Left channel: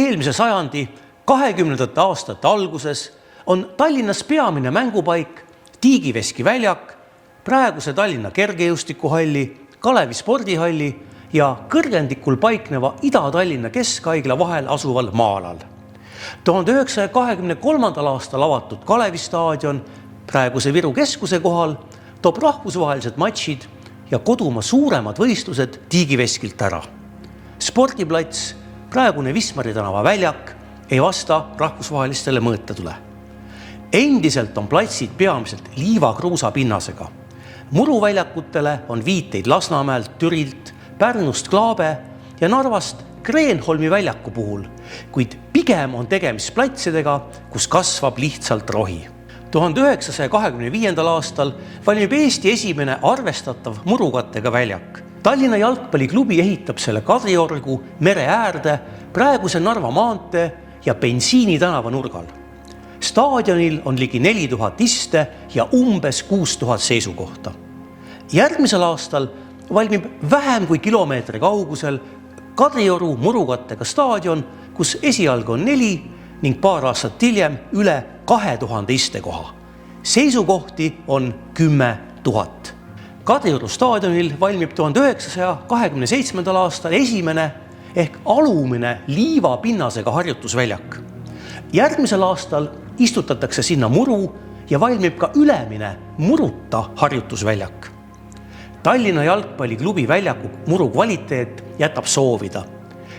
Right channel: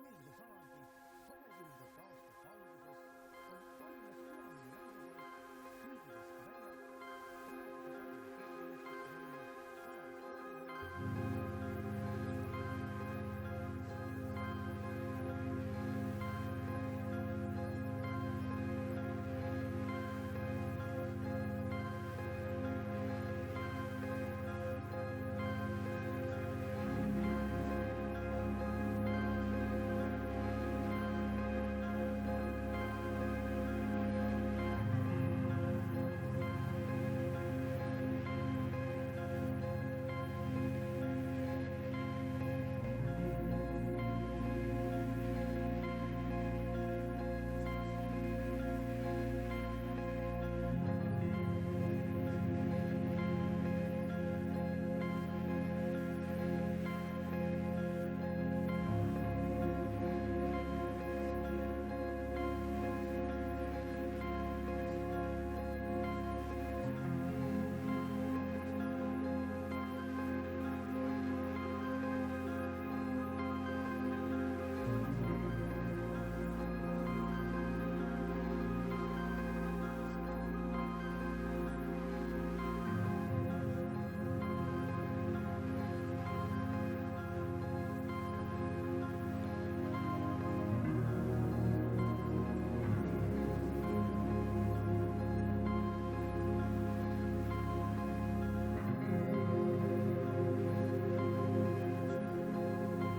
Eelmise sajandi 20. aastate alguses on Tallinnas peamine mängupaik Tiigiveski väljak, praeguse Tallinna kergejõustikuhalli, Kalevi spordihalli ja kõrgendikul paikneva Ida-Tallinna Keskhaigla vahel asuval maa-alal. 1923. aastal avatud Kalevi staadion praeguse Viru keskuse kohal toob rahvusvahelised matšid ja kodumaa suuremad võistlused Tiigiveskilt ära. Spordiplats, praegune Wismari tänava väljak, ei vasta rahvusvahelistele mõõtetule. Endiselt on platsid peamiselt liivakruusa pinnasega. Muruväljakutele on viiteid Lasnamäelt, Türilt, Pärnust Klaabe ja Narvast Kreenholmi väljaku puhul, kuid pigem on tegemist platsidega, kus kasvab lihtsalt rohi. 1925. aastal valmib Eesti esimene arvestatav murukattega väljak. Tallinna jalgpalliklubi ehitab selle Kadriorgu mere äärde praeguse Narva maantee ja Bensiini tänava nurgal. Staadionil on ligi 4000 iste ja umbes 6000 seisukohta. Järgmisel aastal valmib vähem kui kilomeetri kaugusel Kadrioru murukattega staadion, kus esialgu on 4 ning paar aastat hiljem üle 2000 istekoha. Seisukohti on 10 000. Kadrioru staadionil valmib 1927. aastal esimene ehk alumine liivapinnasega harjutusväljak. Järgmisel aastal istutatakse sinna muru ja valmib ka ülemine muruta harjutusväljak. Tallinna jalgpalliklubi väljaku muru kvaliteet jätab soovida.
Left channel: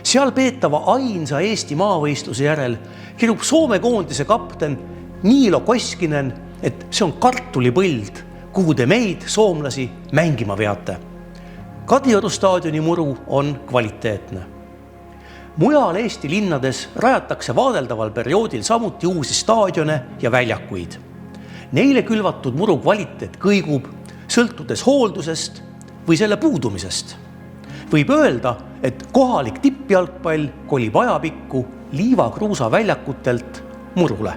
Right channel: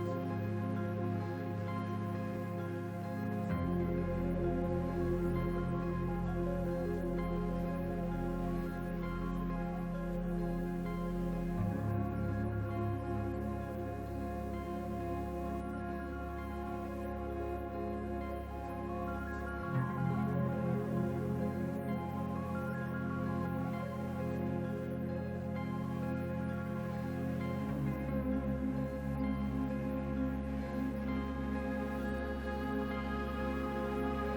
Seal peetava ainsa Eesti maavõistluse järel kirub Soome koondise kapten Niilo Koskinen, et see on kartulipõld, kuhu te meid, soomlasi, mängima veate. Kadrioru staadioni muru on kvaliteetne. Mujal Eesti linnades rajatakse vaadeldaval perioodil samuti uusi staadione ja väljakuid. Neile külvatud muru kvaliteet kõigub, sõltudes hooldusest või selle puudumisest. Võib öelda, et kohalik tippjalgpall kolib ajapikku liivakruusa väljakutelt murule.